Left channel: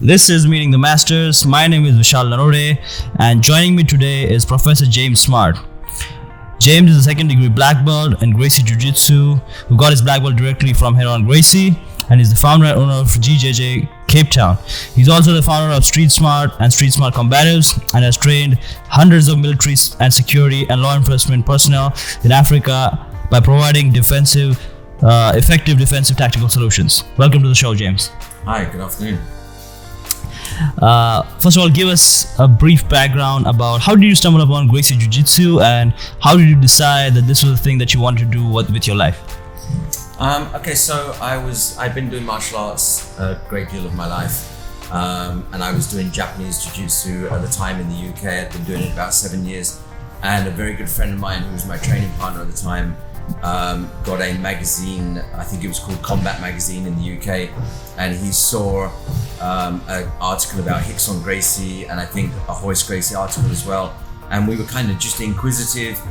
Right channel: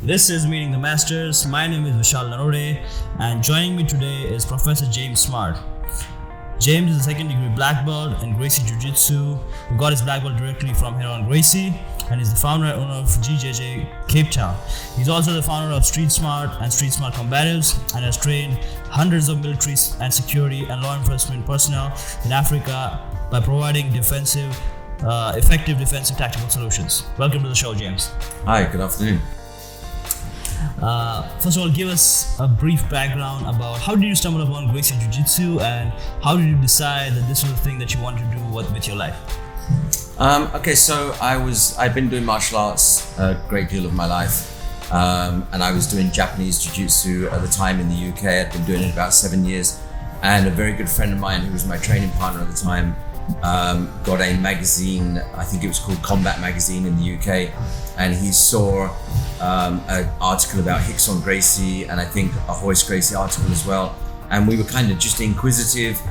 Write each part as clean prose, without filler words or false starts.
This is Meeting the Masters. My name is Vishal Narote, and joining me today is Professor James Smart. James is a second degree black belt in Gracie Jiu-Jitsu, who got his black belt directly from Ryron and Gracie, and is the founder and owner of Gracie JiuJitsu Capetown. He's also the founder of STREETSMART and STREETSMART Combatives, and has trained hundreds of military and security and law enforcement personnel in Africa by providing effective defensive tactical solutions. Welcome to the show, James. Hi, good afternoon. First of all, give us a brief background about how did you stumble upon Gracie Jiu-Jitsu, and how did you decide that this was the thing that you wanted to do with your life? So I've been doing martial arts a great deal of my life, and I was doing Japanese Jiu-Jitsu at the time in the UK. I'd been doing it about 7 years, and a very good friend of mine who was my training partner at the time got a magazine, I think it was called Combat Magazine in the UK, and he saw an article about Rickson Gracie, and I think a Hoist Gracie article as well, and we were kind of just inquisitive.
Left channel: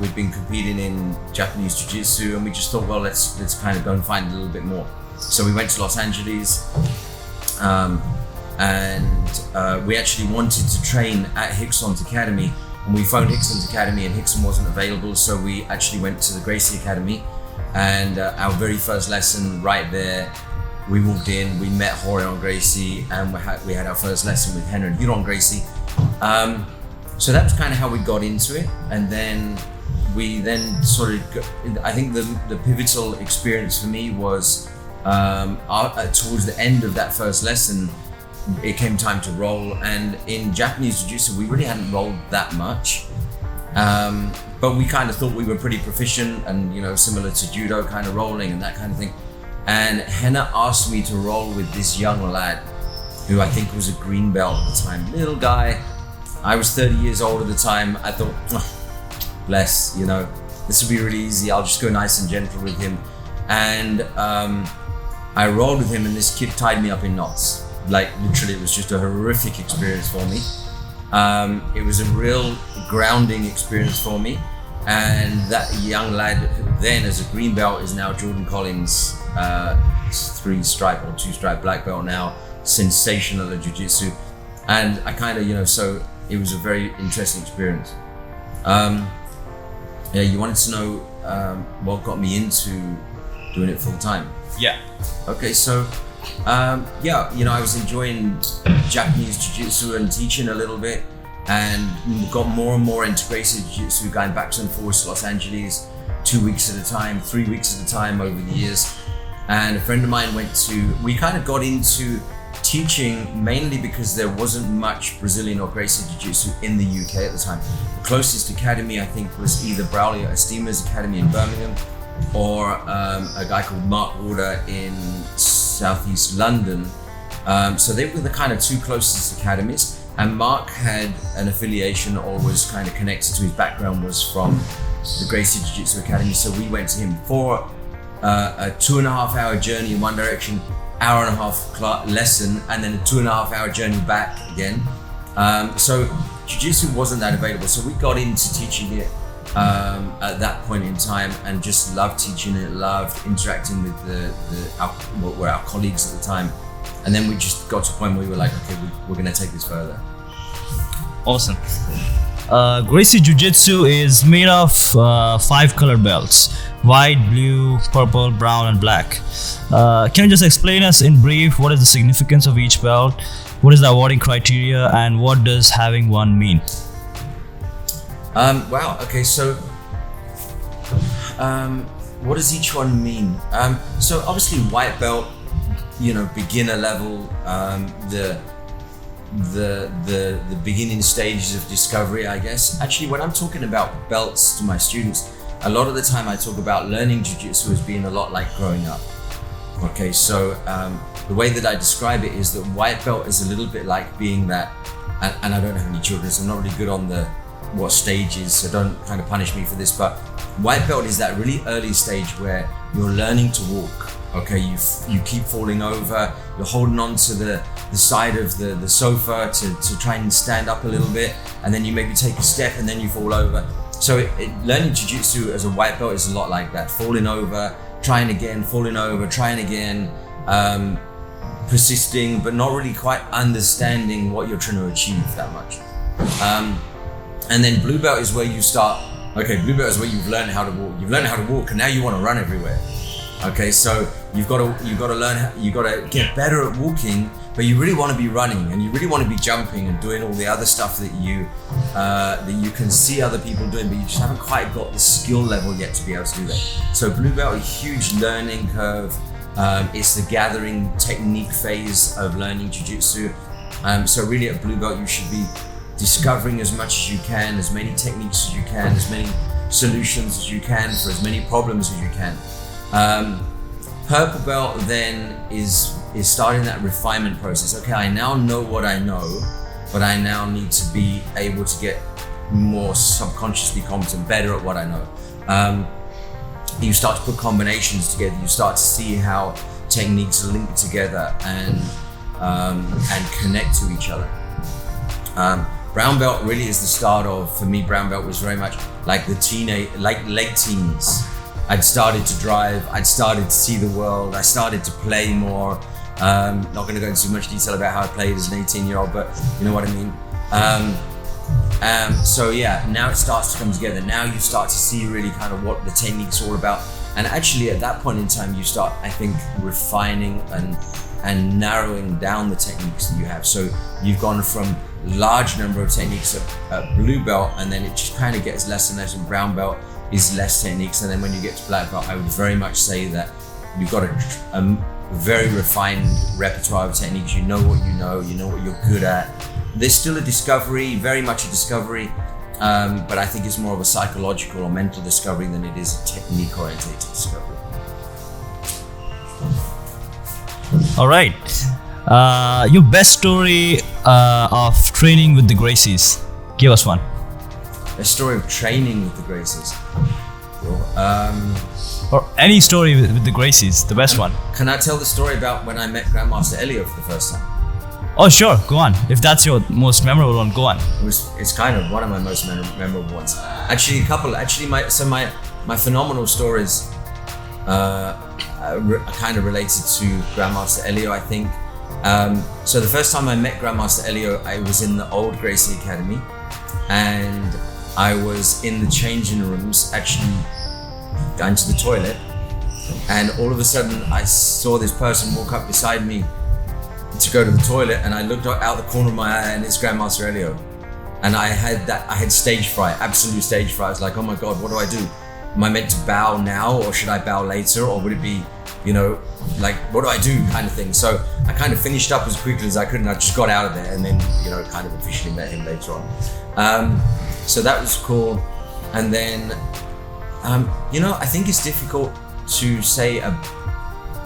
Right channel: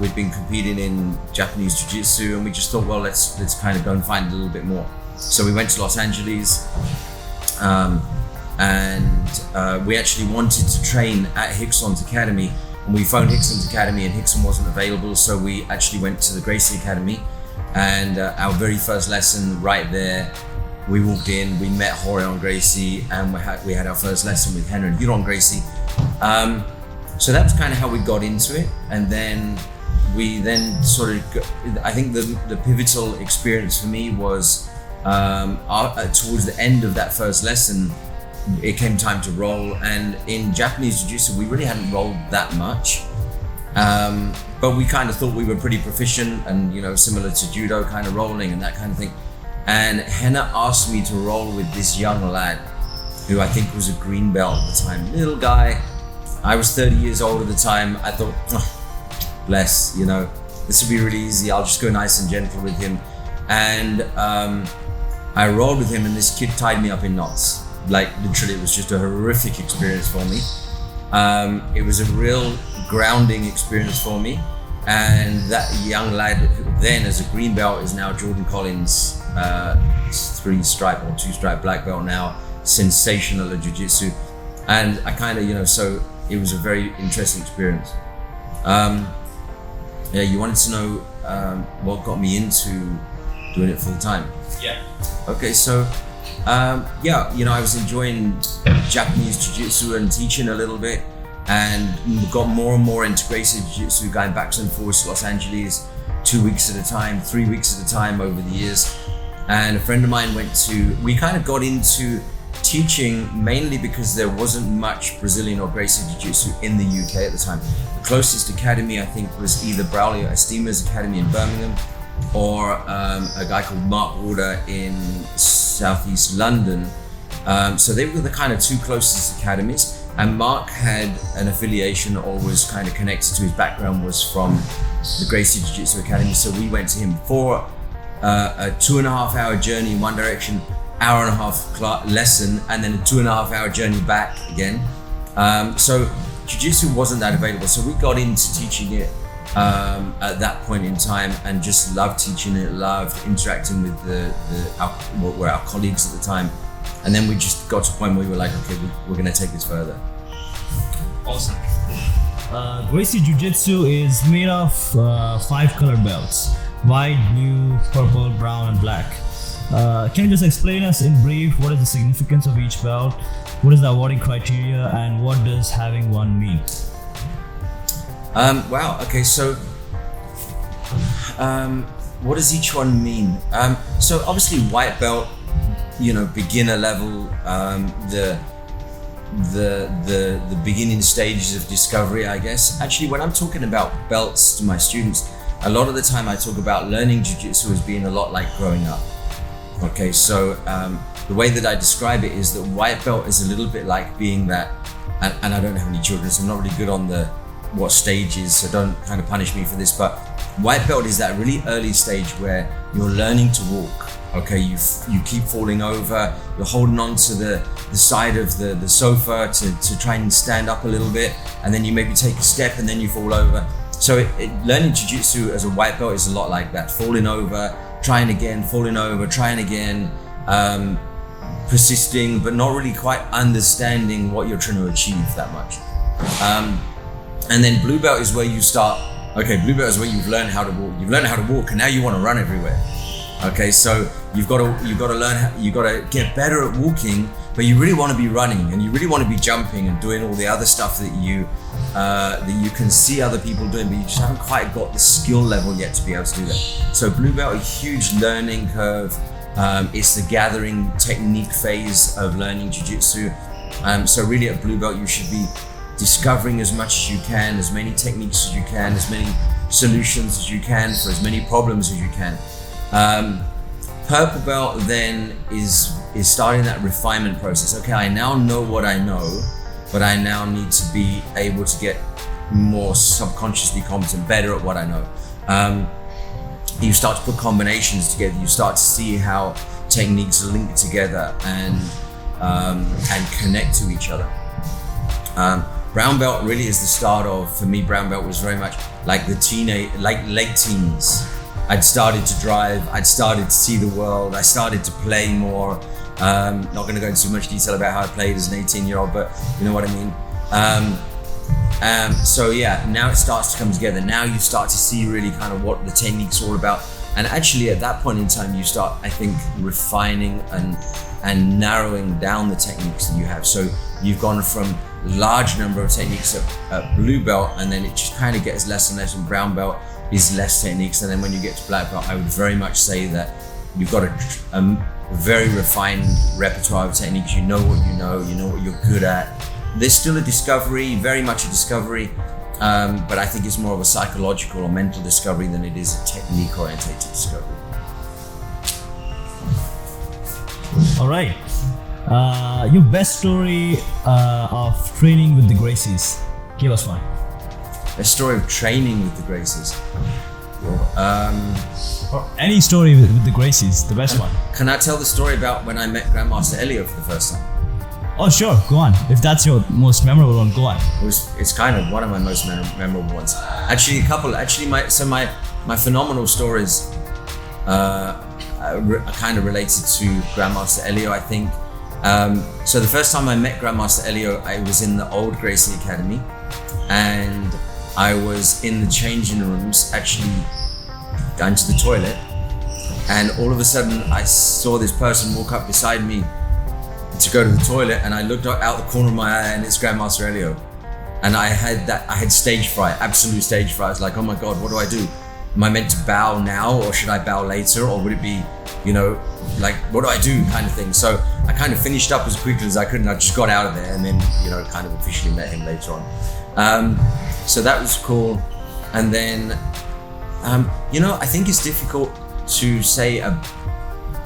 We'd been competing in Japanese Jiu-Jitsu, and we just thought, well, let's kind of go and find a little bit more. So we went to Los Angeles, and we actually wanted to train at Rickson's Academy, and we phoned Rickson's Academy, and Rickson wasn't available, so we actually went to the Gracie Academy, and our very first lesson right there, we walked in, we met Ryron and Gracie, and we had our first lesson with Ryron Gracie. So that was kind of how we got into it, and then I think the pivotal experience for me was towards the end of that first lesson, it came time to roll, and in Japanese Jiu-Jitsu we really hadn't rolled that much, but we kind of thought we were pretty proficient and similar to judo kind of rolling and that kind of thing. And Henna asked me to roll with this young lad who I think was a green belt at the time, little guy. I was 30 years old at the time. I thought, bless, this will be really easy. I'll just go nice and gentle with him. And I rolled with him, and this kid tied me up in knots. Like literally, it was just a horrific experience for me. It was a real grounding experience for me. And that young lad then, as a green belt, is now Jordan Collins, 3-stripe or 2-stripe black belt now, sensational at jiu-jitsu. And I kind of, so it was a very interesting experience. You wanted to know what got me into doing it full time? Yeah. Okay, so I was enjoying Japanese Jiu-Jitsu and teaching a little bit, and got more and more into Gracie Jiu-Jitsu, going back and forth to Los Angeles 2 weeks at a time, 3 weeks at a time over the years. And a friend of mine we kind of got into teaching mainly because there wasn't much Brazilian or Gracie Jiu-Jitsu in the UK at the time. The closest academy I think was either Braulio Estima's academy in Birmingham, or a guy called Mark Warder in southeast London. So they were the kind of two closest academies, and Mark had an affiliation, or was kind of connected to his background, was from the Gracie Jiu-Jitsu Academy. So we went to him for a 2.5-hour journey in one direction, hour-and-a-half lesson, and then a 2.5-hour journey back again. So Jiu-Jitsu wasn't that available, so we got into teaching it at that point in time, and just loved teaching it, loved interacting with what were our colleagues at the time. And then we just got to a point where we were like, okay, we're going to take this further. Awesome. Gracie Jiu-Jitsu is made of 5 colored belts: white, blue, purple, brown, and black. Can you just explain us in brief what is the significance of each belt, what is the awarding criteria, and what does having one mean? Wow, okay, so what does each one mean? So obviously white belt, beginner level, the beginning stages of discovery, I guess. Actually, when I'm talking about belts to my students, a lot of the time I talk about learning jiu-jitsu as being a lot like growing up. Okay, so the way that I describe it is that white belt is a little bit like being that, and I don't have any children, so I'm not really good on what stages, so don't kind of punish me for this, but white belt is that really early stage where you're learning to walk. Okay, you keep falling over, you're holding on to the side of the sofa to try and stand up a little bit, and then you maybe take a step and then you fall over. So learning jiu-jitsu as a white belt is a lot like that, falling over, trying again, falling over, trying again, persisting, but not really quite understanding what you're trying to achieve that much. And then blue belt is where you start. Okay, blue belt is where you've learned how to walk. You've learned how to walk, and now you want to run everywhere. Okay, so you've got to learn. You've got to get better at walking, but you really want to be running, and you really want to be jumping and doing all the other stuff that you can see other people doing, but you just haven't quite got the skill level yet to be able to do that. So blue belt, a huge learning curve. It's the gathering technique phase of learning jiu-jitsu. So really at blue belt, you should be discovering as much as you can, as many techniques as you can, as many solutions as you can for as many problems as you can. Purple belt then is starting that refinement process. Okay, I now know what I know, but I now need to be able to get more subconsciously competent, better at what I know. You start to put combinations together. You start to see how techniques link together and connect to each other. Brown belt really is the start of, for me, brown belt was very much like late teens. I'd started to drive, I'd started to see the world, I started to play more. Not going to go into too much detail about how I played as an 18-year-old, but you know what I mean. So yeah, now it starts to come together. Now you start to see really kind of what the technique's all about. And actually at that point in time, you start, I think, refining and narrowing down the techniques that you have. So you've gone from large number of techniques at blue belt, and then it just kind of gets less and less, and brown belt is less techniques. And then when you get to black belt, I would very much say that you've got a very refined repertoire of techniques. You know what you're good at. There's still a discovery, very much a discovery, but I think it's more of a psychological or mental discovery than it is a technique-orientated discovery. All right. Your best story of training with the Gracies. Give us one. A story of training with the Gracies. Or any story with the Gracies, the best one. Can I tell the story about when I met Grandmaster Elio for the first time? Oh, sure, go on. If that's your most memorable one, go on. It's kind of one of my most memorable ones. Actually, a couple. Actually, my phenomenal stories are kind of related to Grandmaster Elio, I think. So the first time I met Grandmaster Elio, I was in the old Gracie Academy, and I was in the changing rooms, actually going to the toilet, and all of a sudden I saw this person walk up beside me to go to the toilet, and I looked out the corner of my eye, and it's Grandmaster Elio. And I had stage fright, absolute stage fright. I was like, oh my God, what do I do? Am I meant to bow now, or should I bow later? Or would it be, like, what do I do kind of thing? So I kind of finished up as quickly as I could, and I just got out of there, and then, kind of officially met him later on. So that was cool. And then, I think it's difficult to say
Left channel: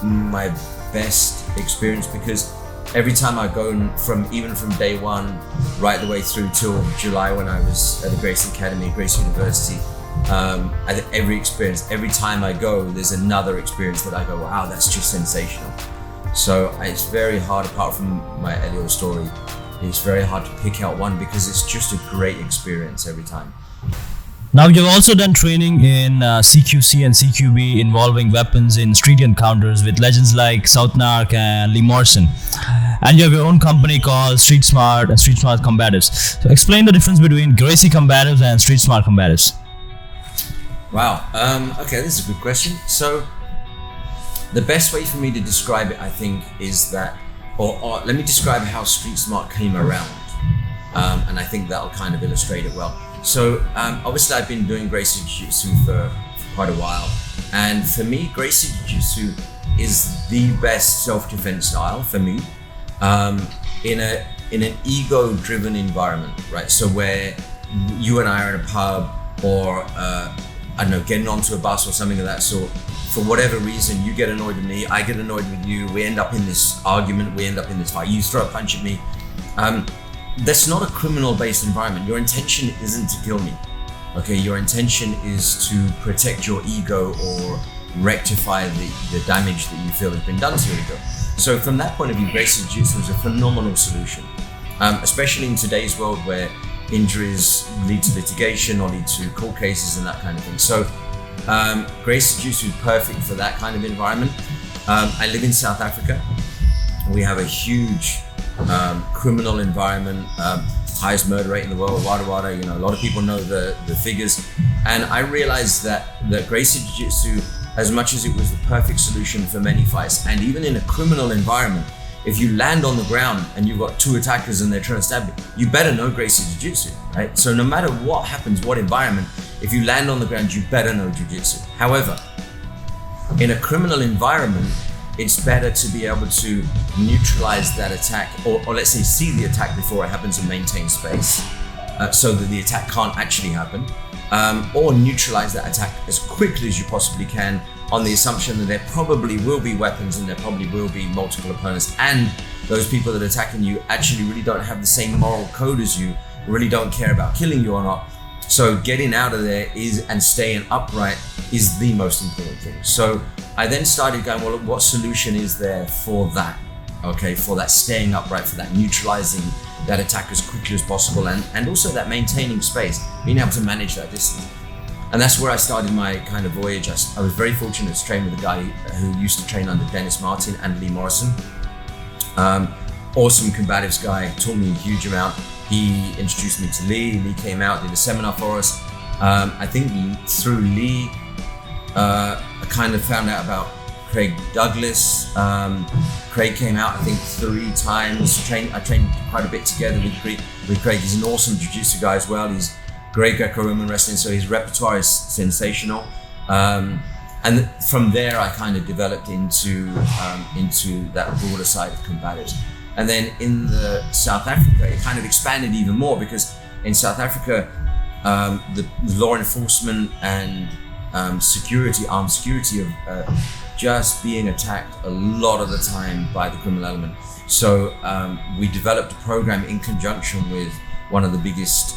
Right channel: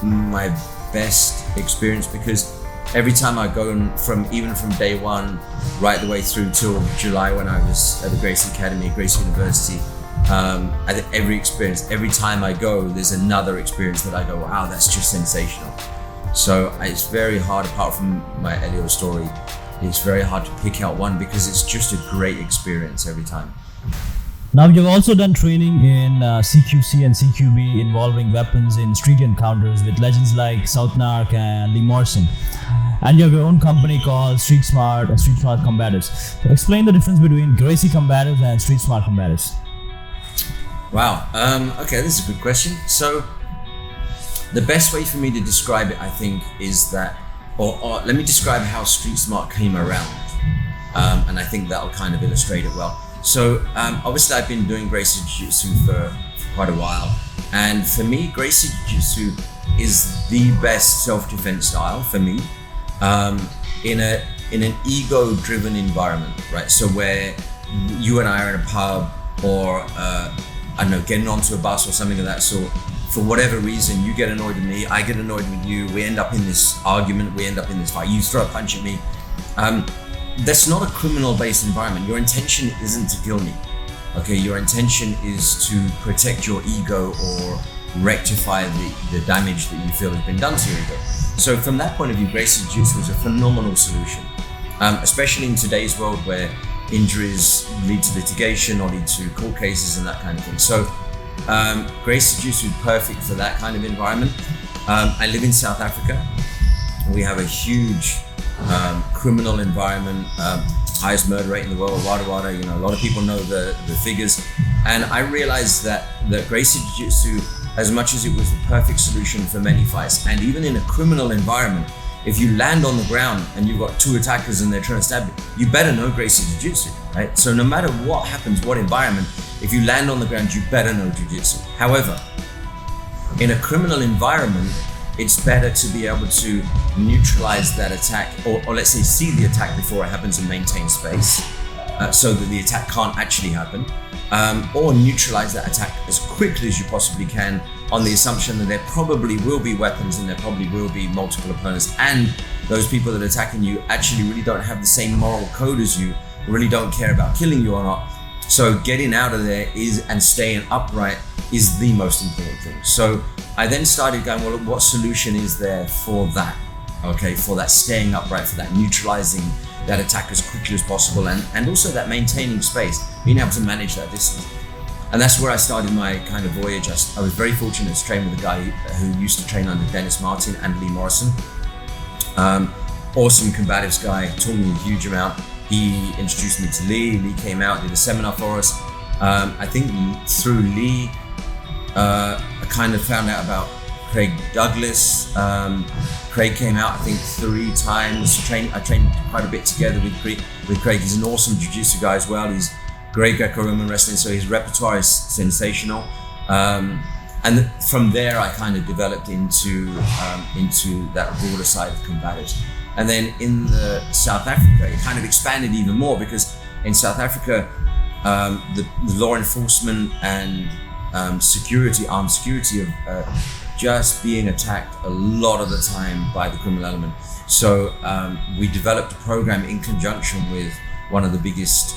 my best experience, because every time I go even from day one right the way through till July when I was at the Gracie Academy, Gracie University, I think every time I go, there's another experience that I go, wow, that's just sensational. So it's very hard, apart from my Elio story, it's very hard to pick out one, because it's just a great experience every time. Now, you've also done training in CQC and CQB involving weapons in street encounters with legends like South Narc and Lee Morrison. And you have your own company called STREETSMART and STREETSMART Combatives. So explain the difference between Gracie Combatives and STREETSMART Combatives. Wow, okay, this is a good question. So the best way for me to describe it, I think, is that, or let me describe how STREETSMART came around. And I think that'll kind of illustrate it well. So obviously I've been doing Gracie Jiu-Jitsu for quite a while. And for me, Gracie Jiu-Jitsu is the best self-defense style for me, in an ego-driven environment, right? So where you and I are in a pub, or I don't know, getting onto a bus or something of that sort. For whatever reason, you get annoyed with me, I get annoyed with you, we end up in this argument, we end up in this fight, you throw a punch at me. That's not a criminal-based environment. Your intention isn't to kill me, okay? Your intention is to protect your ego or rectify the damage that you feel has been done to your ego. So from that point of view, Gracie Jiu-Jitsu is a phenomenal solution, especially in today's world where injuries lead to litigation or lead to court cases and that kind of thing. So Gracie Jiu-Jitsu is perfect for that kind of environment. I live in South Africa, We have a huge criminal environment, highest murder rate in the world, wada wada. You know, a lot of people know the figures, and I realized that Gracie Jiu-Jitsu, as much as it was the perfect solution for many fights, and even in a criminal environment, if you land on the ground and you've got two attackers and they're trying to stab you better know Gracie Jiu-Jitsu, right? So no matter what happens, what environment, if you land on the ground, you better know Jiu-Jitsu. However, in a criminal environment, it's better to be able to neutralize that attack, or let's say see the attack before it happens and maintain space, so that the attack can't actually happen, or neutralize that attack as quickly as you possibly can, on the assumption that there probably will be weapons and there probably will be multiple opponents, and those people that are attacking you actually really don't have the same moral code as you, really don't care about killing you or not. So getting out of there and staying upright is the most important thing. So I then started going, well, what solution is there for that? Okay, for that staying upright, for that neutralizing that attack as quickly as possible, and also that maintaining space, being able to manage that distance. And that's where I started my kind of voyage. I was very fortunate to train with a guy who used to train under Dennis Martin and Lee Morrison. Awesome combatives guy, taught me a huge amount. He introduced me to Lee. Lee came out, did a seminar for us. I think through Lee, I kind of found out about Craig Douglas. Craig came out, I think, 3 times. I trained quite a bit together with Craig. He's an awesome jiu-jitsu guy as well. He's great Greco-Roman wrestling, so his repertoire is sensational. And from there, I kind of developed into that broader side of combatives. And then in South Africa, it kind of expanded even more, because in South Africa, the law enforcement and armed security of just being attacked a lot of the time by the criminal element. So we developed a program in conjunction with one of the biggest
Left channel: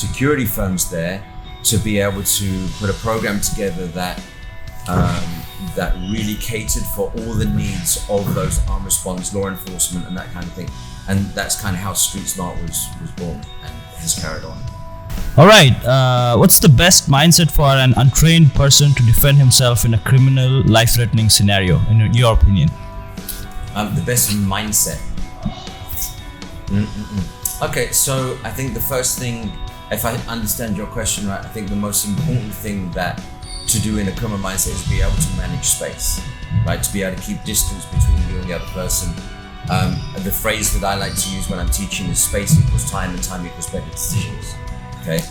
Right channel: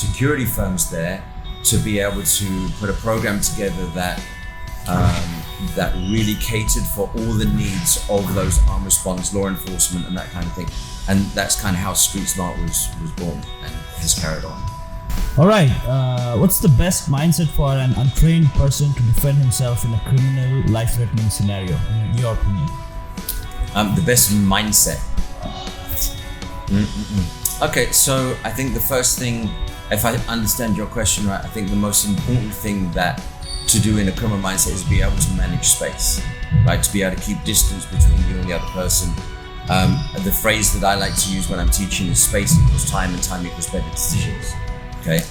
security firms there, to be able to put a program together that really catered for all the needs of those armed response, law enforcement, and that kind of thing. And that's kind of how STREETSMART was born and has carried on. All right, what's the best mindset for an untrained person to defend himself in a criminal, life-threatening scenario, in your opinion? The best mindset. Okay, so I think the first thing, if I understand your question right, I think the most important thing to do in a criminal mindset is be able to manage space, right? To be able to keep distance between you and the other person. The phrase that I like to use when I'm teaching is space equals time and time equals better decisions. Okay,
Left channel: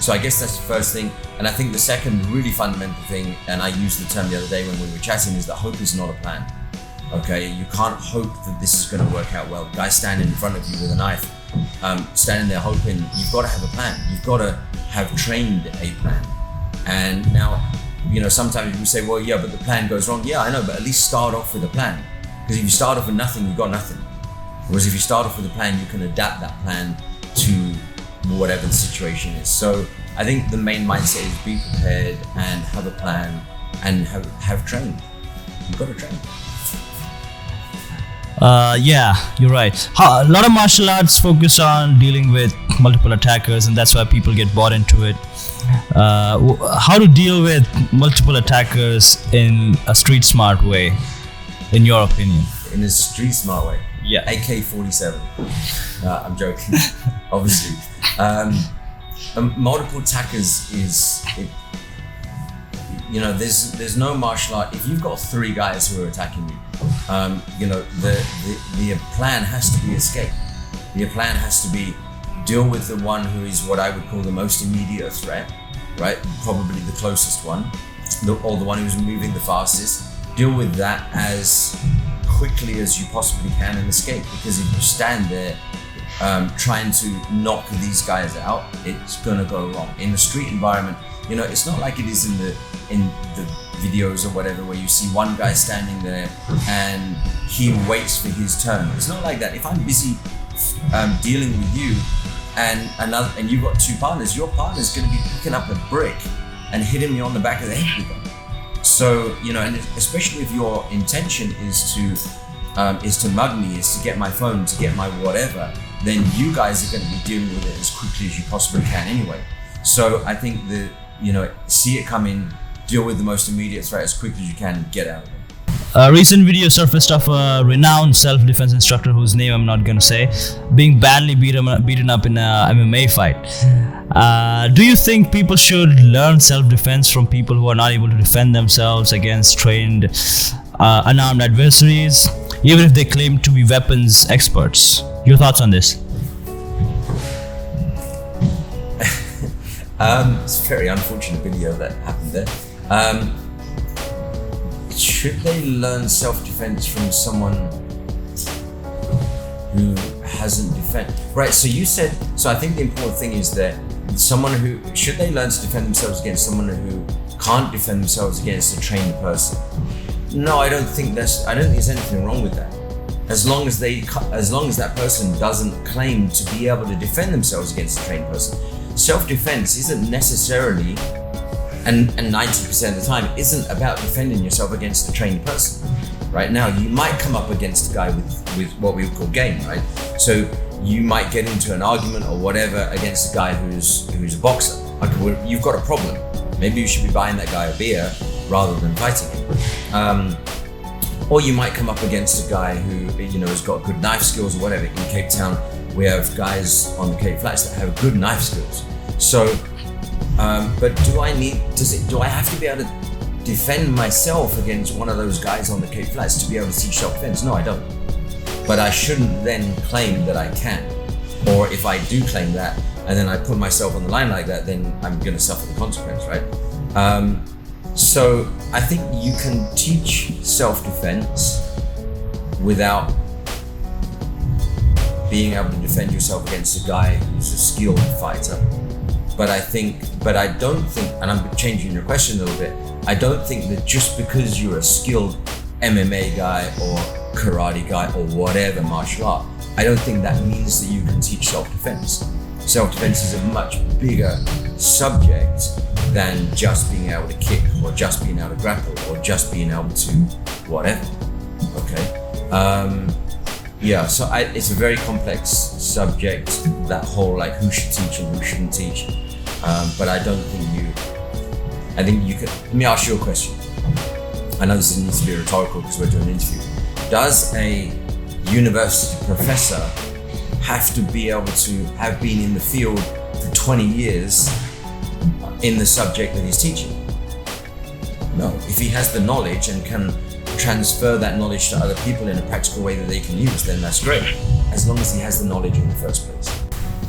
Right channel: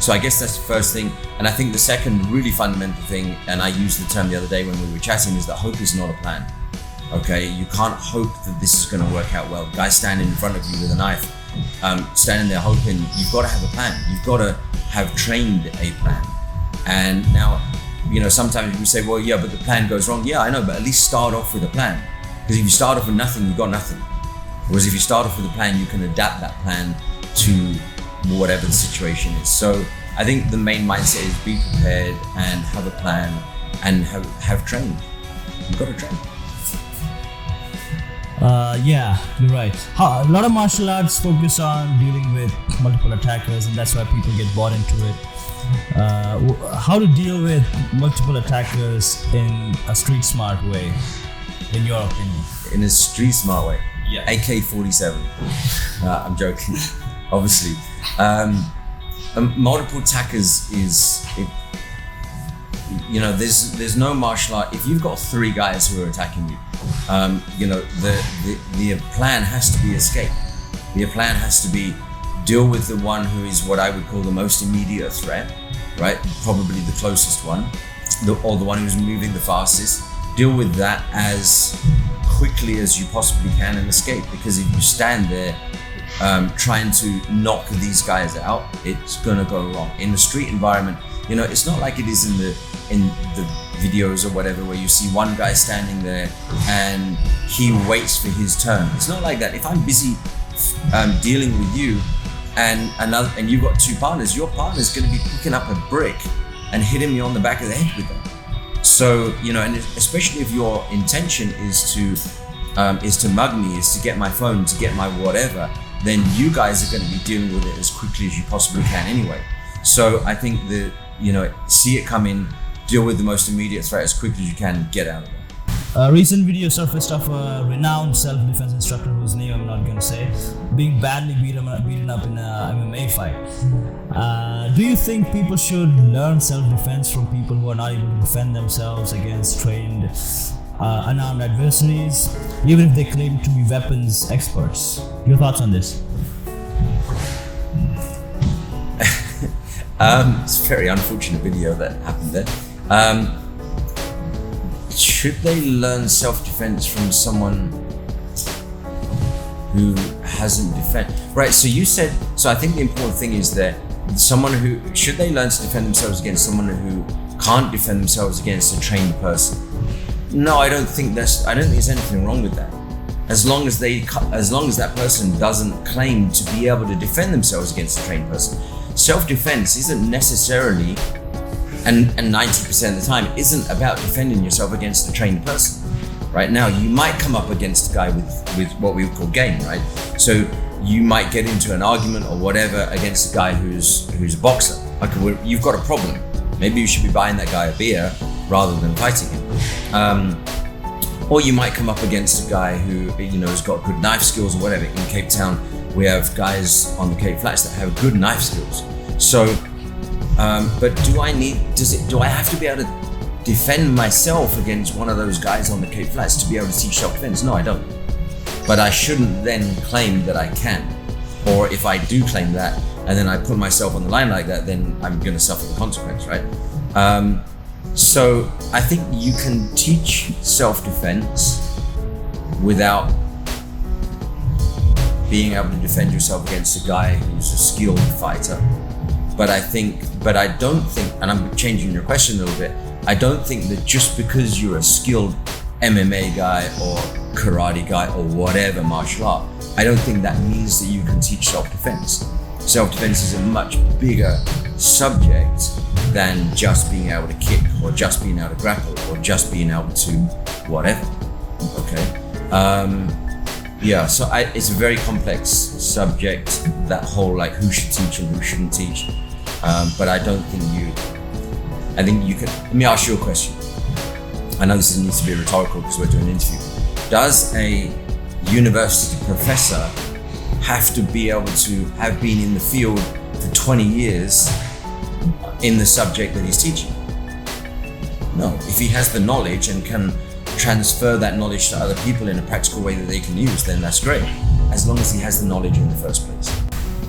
so I guess that's the first thing. And I think the second really fundamental thing, and I used the term the other day when we were chatting, is that hope is not a plan. Okay, you can't hope that this is going to work out well. The guy standing in front of you with a knife, standing there hoping, you've got to have a plan. You've got to have trained a plan. And now, sometimes we say, well, yeah, but the plan goes wrong. Yeah, I know, but at least start off with a plan. Because if you start off with nothing, you've got nothing. Whereas if you start off with a plan, you can adapt that plan to whatever the situation is. So I think the main mindset is be prepared and have a plan and have trained. You've got to train. Yeah, you're right. A lot of martial arts focus on dealing with multiple attackers, and that's why people get bought into it. How to deal with multiple attackers in a street smart way, in your opinion? In a street smart way? Yeah. AK-47. I'm joking, obviously. Multiple attackers there's no martial art. If you've got 3 guys who are attacking you, the plan has to be escape. The plan has to be deal with the one who is what I would call the most immediate threat, right? Probably the closest one, or the one who's moving the fastest. Deal with that as quickly as you possibly can and escape. Because if you stand there trying to knock these guys out, it's gonna go wrong. In the street environment, it's not like it is in the videos or whatever, where you see one guy standing there and he waits for his turn. It's not like that. If I'm busy dealing with you and you've got 2 partners, your partner's going to be picking up a brick and hitting me on the back of the head with them. So and especially if your intention is to mug me, is to get my phone, to get my whatever, then you guys are going to be dealing with it as quickly as you possibly can anyway. So I think see it coming, deal with the most immediate threat as quickly as you can, and get out of there. A recent video surfaced of a renowned self-defense instructor whose name I'm not gonna say, being badly beaten up in a MMA fight. Do you think people should learn self-defense from people who are not able to defend themselves against trained, unarmed adversaries, even if they claim to be weapons experts? Your thoughts on this? It's a very unfortunate video that happened there. Should they learn self-defense from someone who hasn't defended? Right, so you said, so I think the important thing is that someone who, should they learn to defend themselves against someone who can't defend themselves against a trained person? No, I don't think there's anything wrong with that. As long as that person doesn't claim to be able to defend themselves against a trained person. Self-defense isn't necessarily, and 90% of the time, isn't about defending yourself against a trained person. Right now, you might come up against a guy with what we would call game, right? So you might get into an argument or whatever against a guy who's a boxer. Okay, you've got a problem. Maybe you should be buying that guy a beer rather than fighting him. Or you might come up against a guy who has got good knife skills or whatever. In Capetown, we have guys on the Cape Flats that have good knife skills. So, but do I have to be able to defend myself against one of those guys on the Cape Flats to be able to teach self-defense? No, I don't. But I shouldn't then claim that I can. Or if I do claim that and then I put myself on the line like that, then I'm going to suffer the consequence, right? So I think you can teach self-defense without being able to defend yourself against a guy who's a skilled fighter. But I don't think, and I'm changing your question a little bit, I don't think that just because you're a skilled MMA guy or karate guy or whatever martial art, I don't think that means that you can teach self-defense. Self-defense is a much bigger subject than just being able to kick or just being able to grapple or just being able to whatever. Okay. So it's a very complex subject, that whole like who should teach and who shouldn't teach. But I think you can, let me ask you a question. I know this needs to be rhetorical because we're doing an interview. Does a university professor have to be able to have been in the field for 20 years in the subject that he's teaching? No. If he has the knowledge and can transfer that knowledge to other people in a practical way that they can use, then that's great, as long as he has the knowledge in the first place.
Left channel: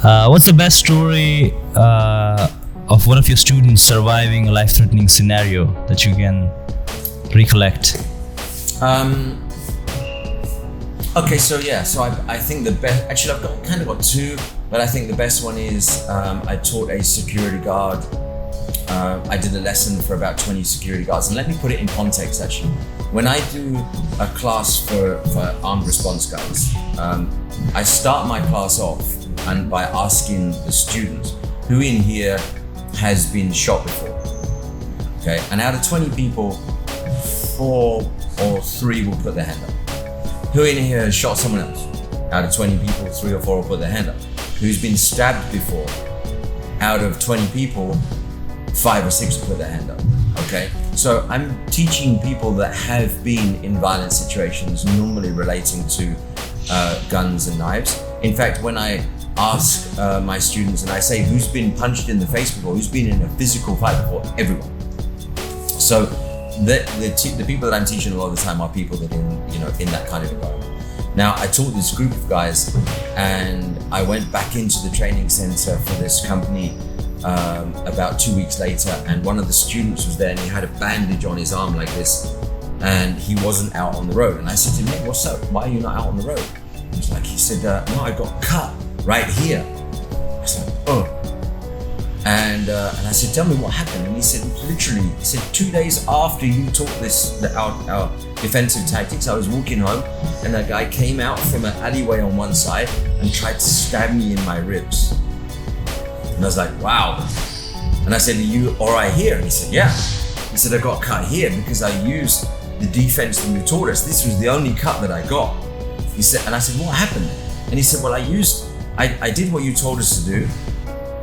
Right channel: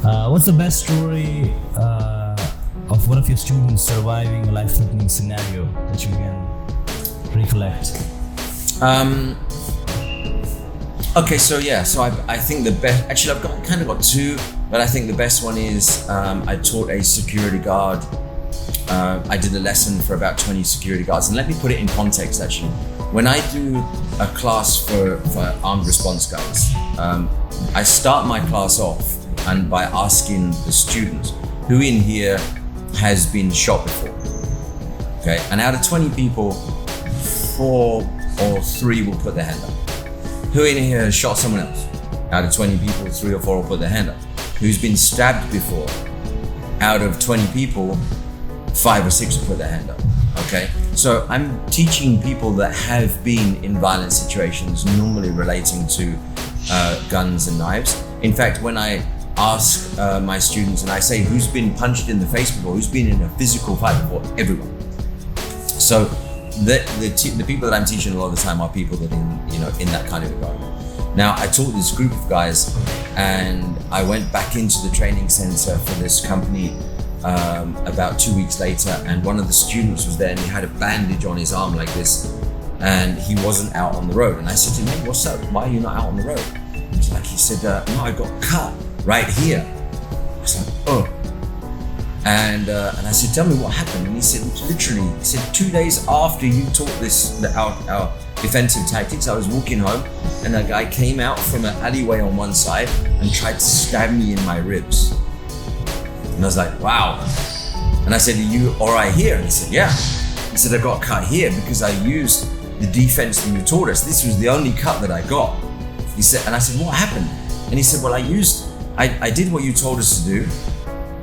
What's the best story of one of your students surviving a life-threatening scenario that you can recollect? Okay, so I think the best, actually I've kind of got two, but I think the best one is I taught a security guard. I did a lesson for about 20 security guards, and let me put it in context actually. When I do a class for armed response guys, I start my class off and by asking the students, who in here has been shot before? Okay, and out of 20 people, 4 or 3 will put their hand up. Who in here has shot someone else? Out of 20 people, 3 or 4 will put their hand up. Who's been stabbed before? Out of 20 people, 5 or 6 will put their hand up. Okay, so I'm teaching people that have been in violent situations, normally relating to guns and knives. In fact, when I ask my students and I say, who's been punched in the face before? Who's been in a physical fight before? Everyone. So the people that I'm teaching a lot of the time are people that in that kind of environment. Now, I taught this group of guys, and I went back into the training center for this company about 2 weeks later, and one of the students was there, and he had a bandage on his arm like this, and he wasn't out on the road. And I said to him, hey, what's up? Why are you not out on the road? He said, no, I got cut right here. I was like, oh. And I said, tell me what happened. And he said, literally, 2 days after you taught our defensive tactics, I was walking home and a guy came out from an alleyway on one side and tried to stab me in my ribs. And I was like, wow. And I said, are you all right here? And he said, yeah. He said, I got cut here because I used the defense that you taught us. This was the only cut that I got. He said, and I said, what happened? And he said, well, I did what you told us to do.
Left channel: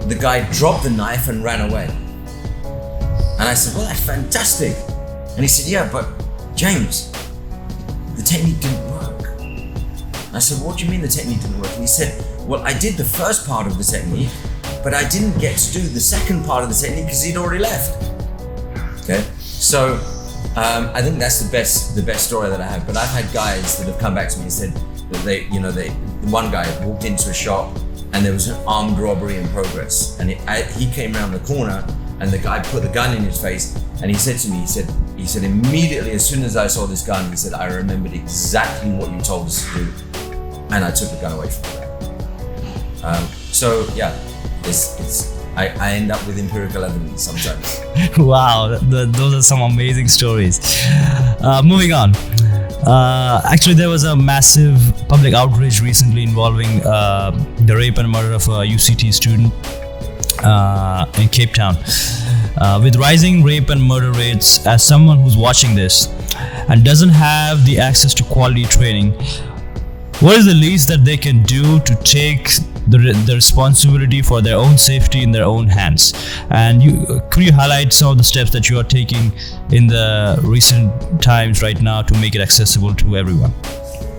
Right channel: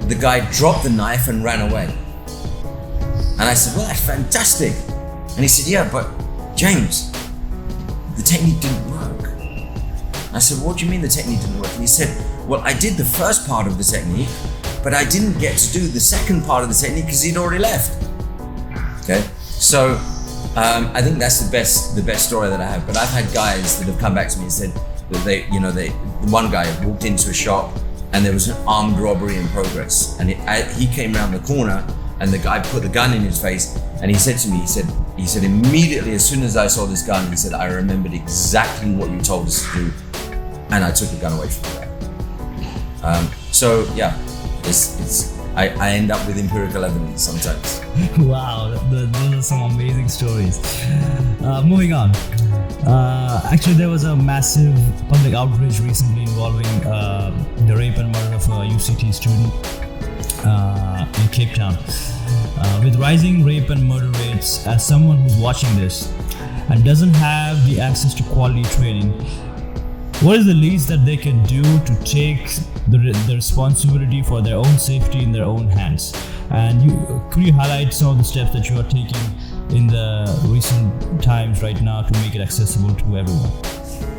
The guy dropped the knife and ran away. And I said, well, that's fantastic. And he said, yeah, but James, the technique didn't work. I said, what do you mean the technique didn't work? And he said, well, I did the first part of the technique, but I didn't get to do the second part of the technique because he'd already left. Okay, so I think that's the best story that I have. But I've had guys that have come back to me and said that one guy walked into a shop and there was an armed robbery in progress, and he came around the corner and the guy put the gun in his face, and he said to me, he said immediately as soon as I saw this gun, he said, I remembered exactly what you told us to do, and I took the gun away from the guy. So yeah, I end up with empirical evidence sometimes. Wow, those are some amazing stories. Moving on. Actually, there was a massive public outrage recently involving the rape and murder of a UCT student in Cape Town. With rising rape and murder rates, as someone who's watching this and doesn't have the access to quality training, what is the least that they can do to take the responsibility for their own safety in their own hands? And could you highlight some of the steps that you are taking in the recent times right now to make it accessible to everyone?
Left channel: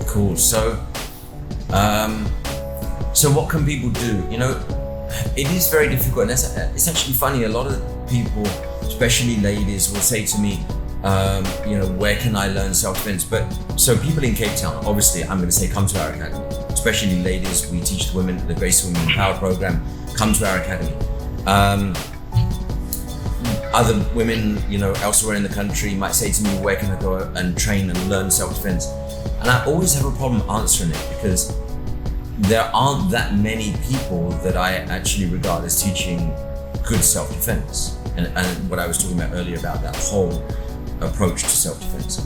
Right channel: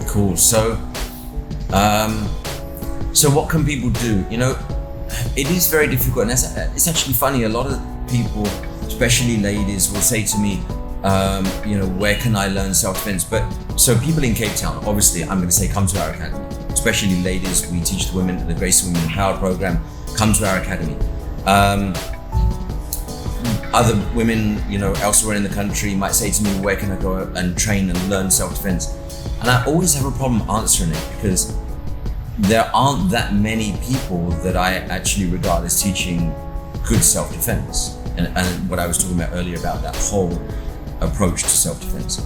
Cool. So what can people do? It is very difficult, and it's actually funny. A lot of people, especially ladies, will say to me, where can I learn self-defense? But so people in Cape Town, obviously, I'm going to say come to our academy. Especially ladies, we teach the women the Gracie Women Empowered program. Come to our academy. Other women, elsewhere in the country might say to me, where can I go and train and learn self-defense? And I always have a problem answering it because there aren't that many people that I actually regard as teaching good self-defense. And what I was talking about earlier about that whole approach to self-defense.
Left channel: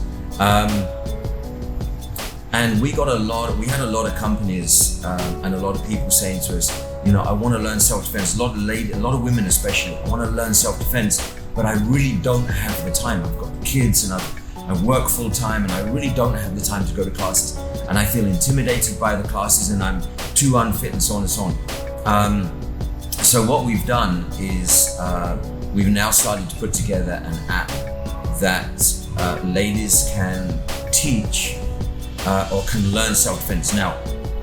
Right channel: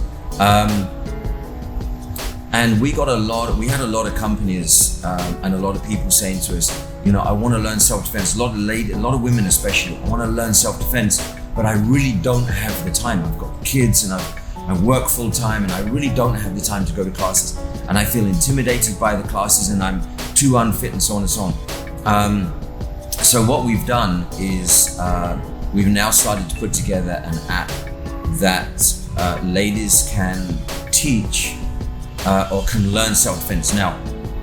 And we had a lot of companies and a lot of people saying to us, I want to learn self-defense. A lot of women especially, I want to learn self-defense, but I really don't have the time. I've got kids and I work full time and I really don't have the time to go to classes. And I feel intimidated by the classes and I'm too unfit and so on and so on. So what we've done is we've now started to put together an app that ladies can teach or can learn self-defense. Now,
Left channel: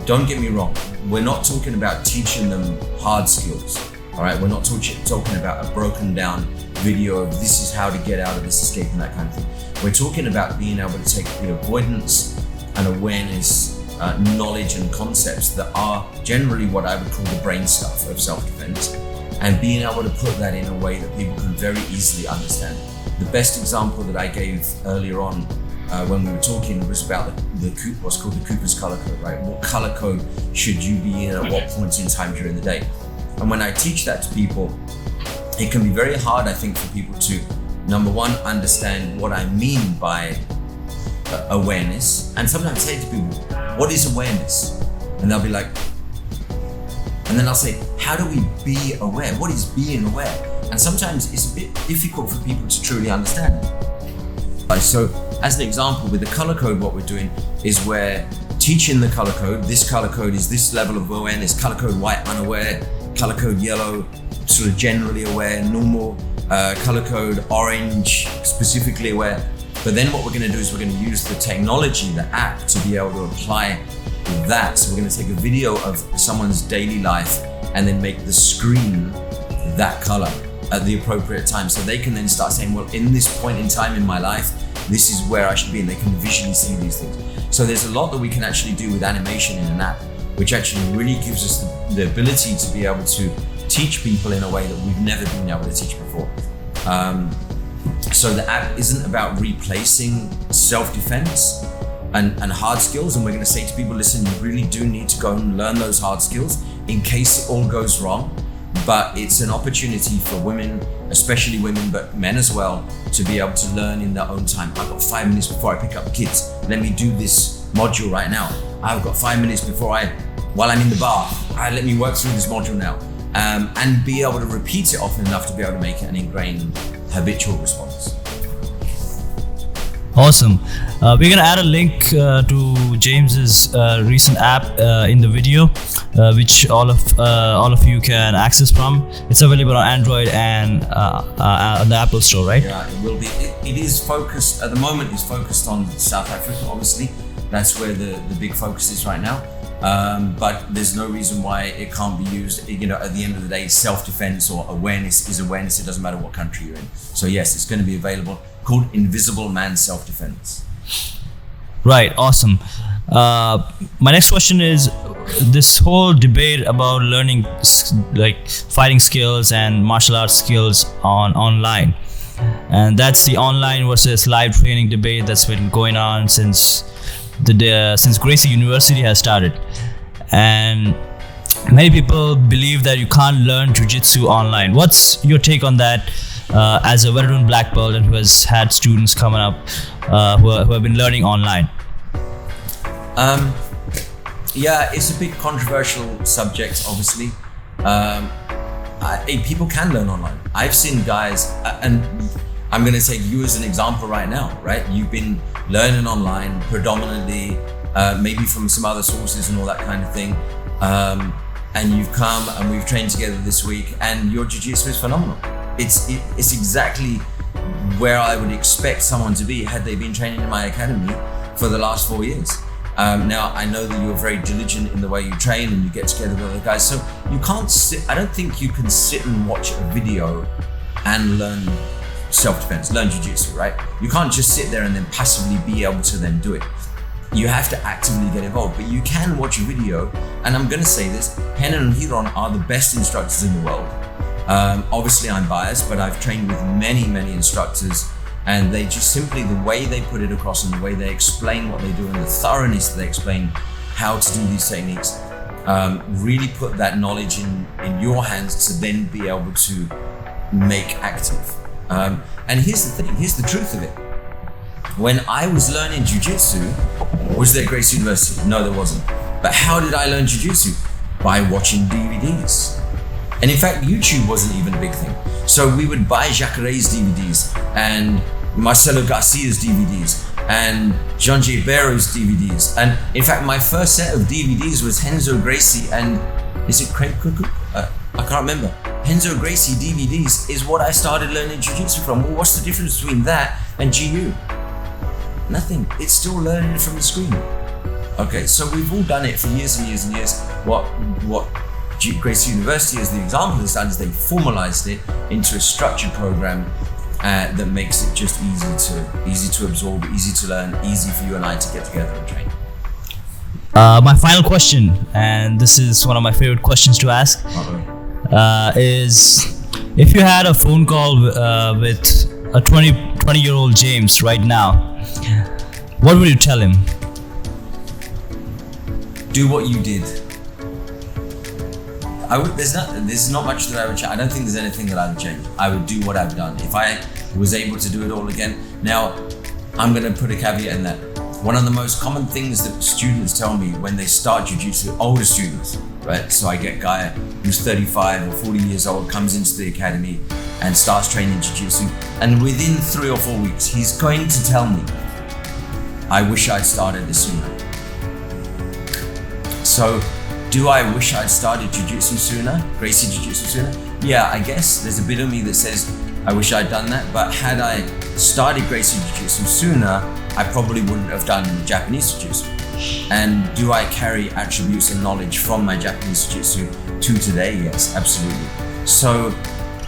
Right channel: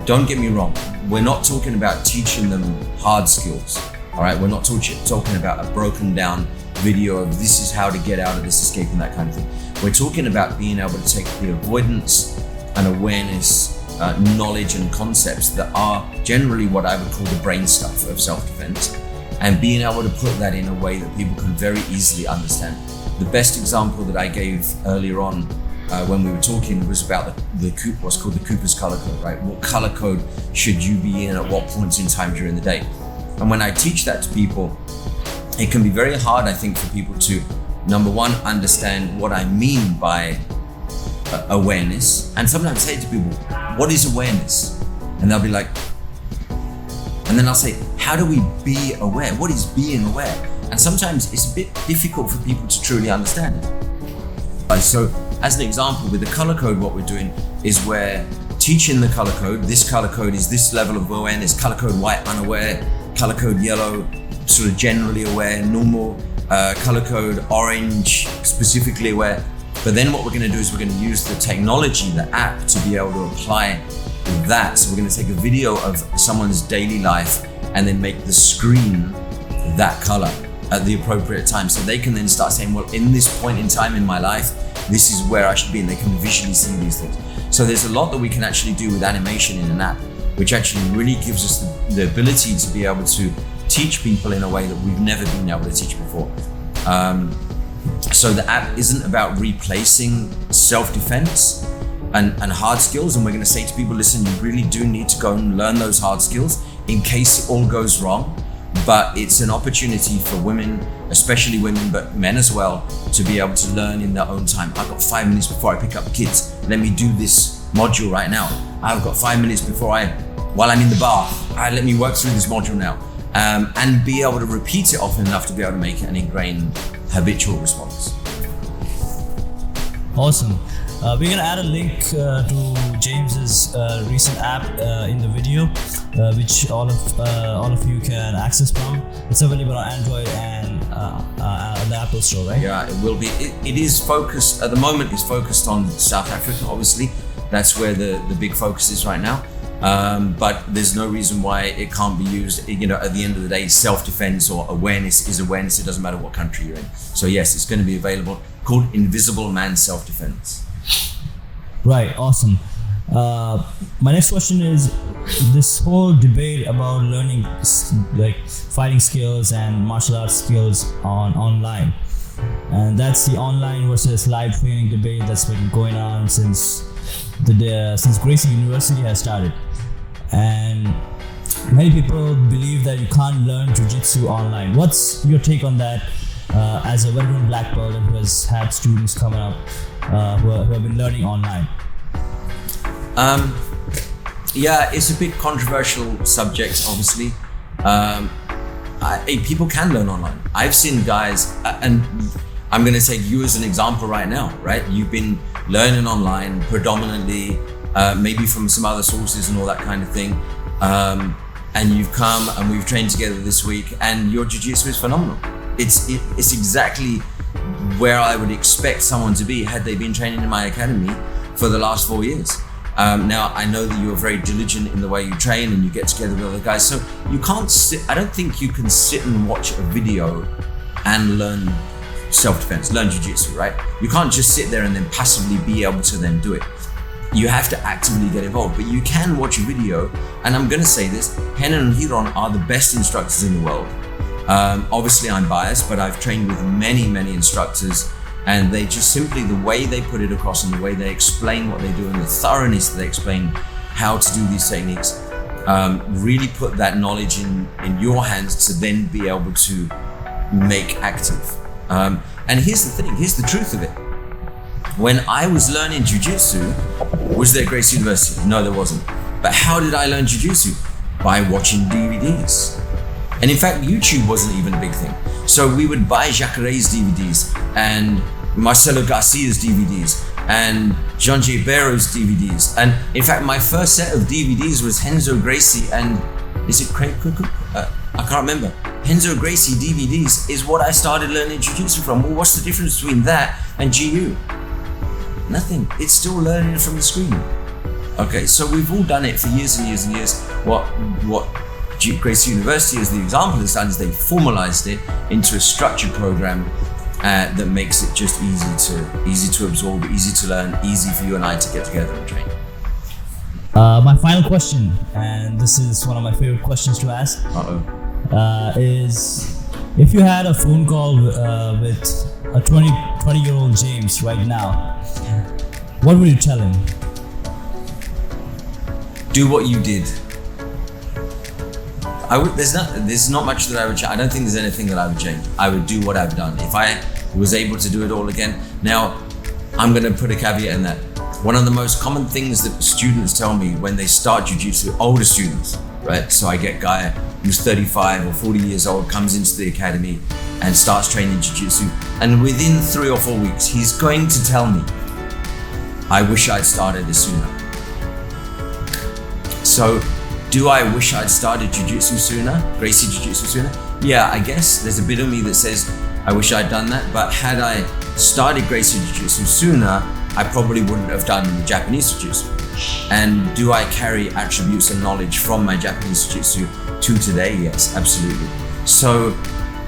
don't get me wrong, we're not talking about teaching them hard skills, all right? We're not talking about a broken down video of this is how to get out of this escape and that kind of thing. We're talking about being able to take the avoidance and awareness, knowledge and concepts that are generally what I would call the brain stuff of self-defense, and being able to put that in a way that people can very easily understand. The best example that I gave earlier on when we were talking was about what's called the Cooper's color code, right? What color code should you be in at what points in time during the day? And when I teach that to people, it can be very hard, I think, for people to, number one, understand what I mean by awareness. And sometimes I say to people, what is awareness? And they'll be like, and then I'll say, how do we be aware? What is being aware? And sometimes it's a bit difficult for people to truly understand. So as an example, with the color code, what we're doing is we're teaching the color code. This color code is this level of awareness, color code white, unaware, color code yellow, sort of generally aware, normal, color code orange, specifically aware. But then what we're going to do is we're going to use the technology, the app, to be able to apply that. So we're going to take a video of someone's daily life and then make the screen that color at the appropriate time. So they can then start saying, well, in this point in time in my life, this is where I should be, and they can visually see these things. So there's a lot that we can actually do with animation in an app, which actually really gives us the ability to be able to teach people in a way that we've never been able to teach before. So the app isn't about replacing self-defense and hard skills. And we're going to say to people, listen, you really do need to go and learn those hard skills in case it all goes wrong. But it's an opportunity for women, especially women, but men as well, to be able to learn in their own time. I've got 5 minutes before I pick up the kids. Let me do this module right now. I've got 5 minutes while I'm in the bath. Let me work through this module now. And be able to repeat it often enough to be able to make it an ingrained habitual response. Awesome. We're gonna add a link to James's recent app in the video, which all of you can access from. It's available on Android and on the Apple Store, right? Yeah, it will be. It is focused at the moment. It's focused on South Africa, obviously. That's where the big focus is right now. But there's no reason why it can't be used. You know, at the end of the day, self-defense or awareness is awareness. It doesn't matter what country you're in. So yes, it's going to be available. Called Invisible Man Self-Defense. Right. Awesome. My next question is this whole debate about learning like fighting skills and martial arts skills online, and that's the online versus live training debate that's been going on since Gracie University has started. And many people believe that you can't learn jiu-jitsu online. What's your take on that as a veteran black belt and who has had students coming up who have been learning online? Yeah, it's a big controversial subject, obviously. People can learn online. I've seen guys, and I'm going to take you as an example right now, right? You've been learning online predominantly, maybe from some other sources and all that kind of thing. And you've come and we've trained together this week, and your jiu-jitsu is phenomenal. It's exactly where I would expect someone to be had they been training in my academy for the last 4 years. Now, I know that you're very diligent in the way you train and you get together with other guys. So you can't sit, I don't think you can sit and watch a video and learn self-defense, learn jiu-jitsu, right? You can't just sit there and then passively be able to then do it. You have to actively get involved, but you can watch a video. And I'm going to say this, Rener and Ryron are the best instructors in the world. Obviously I'm biased, but I've trained with many, many instructors, and they just simply, the way they put it across and the way they explain what they do and the thoroughness that they explain how to do these techniques, really put that knowledge in your hands to then be able to make active. And here's the thing, here's the truth of it. When I was learning jiu-jitsu, was there Gracie University? No, there wasn't. But how did I learn jiu-jitsu? By watching DVDs. And in fact, YouTube wasn't even a big thing. So we would buy Jacare's DVDs and Marcelo Garcia's DVDs and John J. Barrow's DVDs. And in fact, my first set of DVDs was Renzo Gracie and, is it Craig Cook? I can't remember. Renzo Gracie DVDs is what I started learning jiu-jitsu from. Well, what's the difference between that and GU? Nothing. It's still learning from the screen. Okay, so we've all done it for years and years and years. What Gracie University, as the example, has done is they formalized it into a structured program that makes it just easy to absorb, easy to learn, easy for you and I to get together and train. My final question, and this is one of my favorite questions to ask, is if you had a phone call with a 20-year-old James right now, what would you tell him? Do what you did. There's not much that I would change. I don't think there's anything that I would change. I would do what I've done. If I was able to do it all again. Now, I'm going to put a caveat in that. One of the most common things that students tell me when they start jiu-jitsu, older students, right? So I get a guy who's 35 or 40 years old, comes into the academy and starts training jiu-jitsu. And within 3 or 4 weeks, he's going to tell me, I wish I'd started this sooner. So, do I wish I'd started jiu-jitsu sooner, Gracie Jiu-Jitsu sooner? Yeah, I guess there's a bit of me that says I wish I'd done that, but had I started Gracie Jiu-Jitsu sooner, I probably wouldn't have done Japanese Jiu-Jitsu. And do I carry attributes and knowledge from my Japanese Jiu-Jitsu to today? Yes, absolutely. So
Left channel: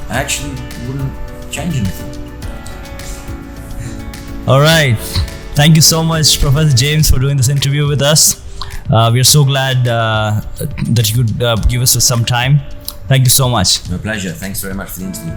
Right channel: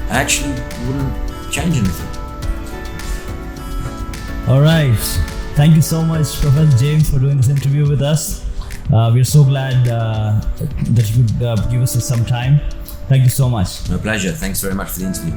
I actually wouldn't change anything. All right. Thank you so much, Professor James, for doing this interview with us. We're so glad that you could give us some time. Thank you so much. My pleasure. Thanks very much for the interview.